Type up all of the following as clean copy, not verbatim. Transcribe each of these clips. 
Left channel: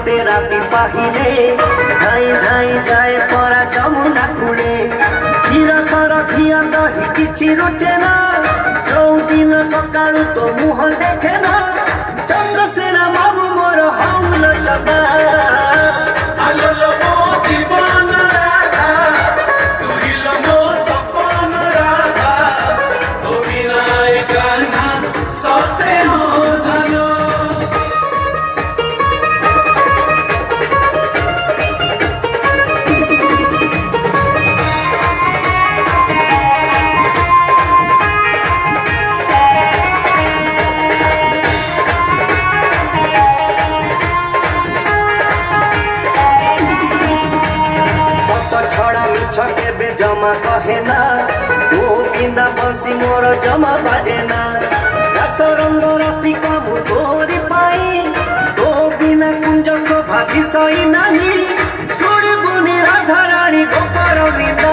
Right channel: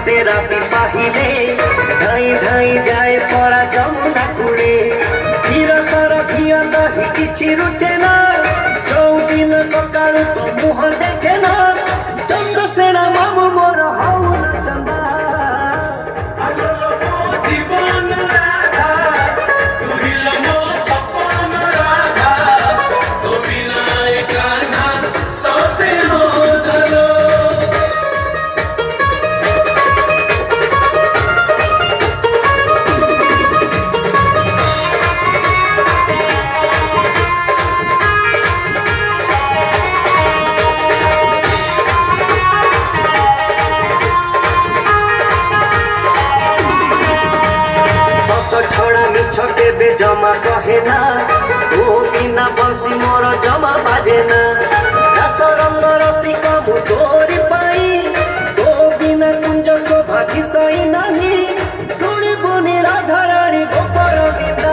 गोटे राति पाहिले धाई धाई जाए परा जमुना कूले क्षीर सर घिया दही किछि रुचे ना चौदिन सकाळु तो मुह देखे ना चंद्रसेना मामू मोर हाउल चबा छड़ा मिछ केबे जमा कहे ना तू बिना बंसी मोर जमा बाजे ना रस रंग रसिका मु तोरी पाई तो बिना कुंज शोभा विषय नहीं सुनी बुनी राधा रानी गोपर विदा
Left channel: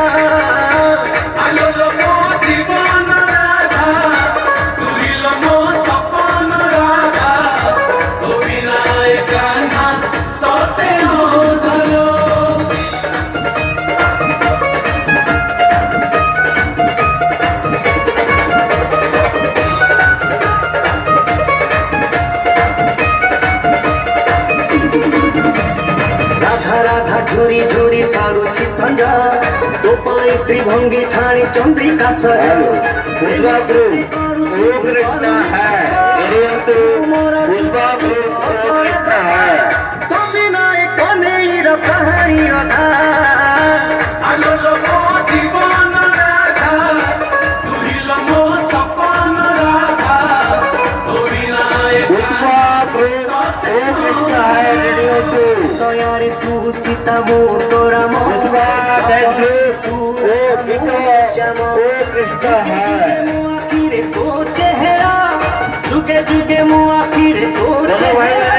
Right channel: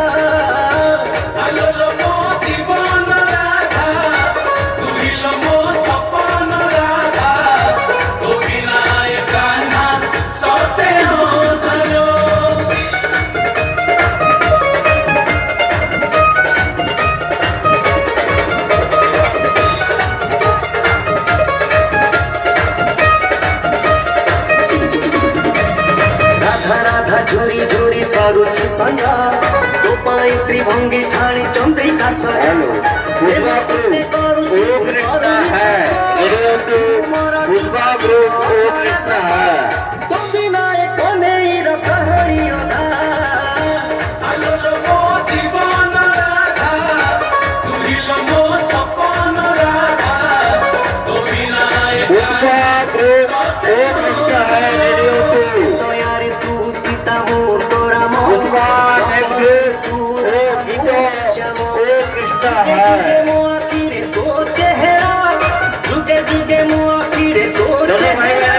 झुरी झुरी सारुची संजा तो पाए त्रिभंगी ठाणी चंद्रिका सजनो पुष्पा कृष्ण है पुष्पा कृष्ण है तो बिना एक नेर कहानी अधा आलो लोगो जीवन राधा तू ही लमो सपन राधा तो बिना एक पुष्पा कृष्ण है जुगे जुगे मुआ फिरे तो चेहरा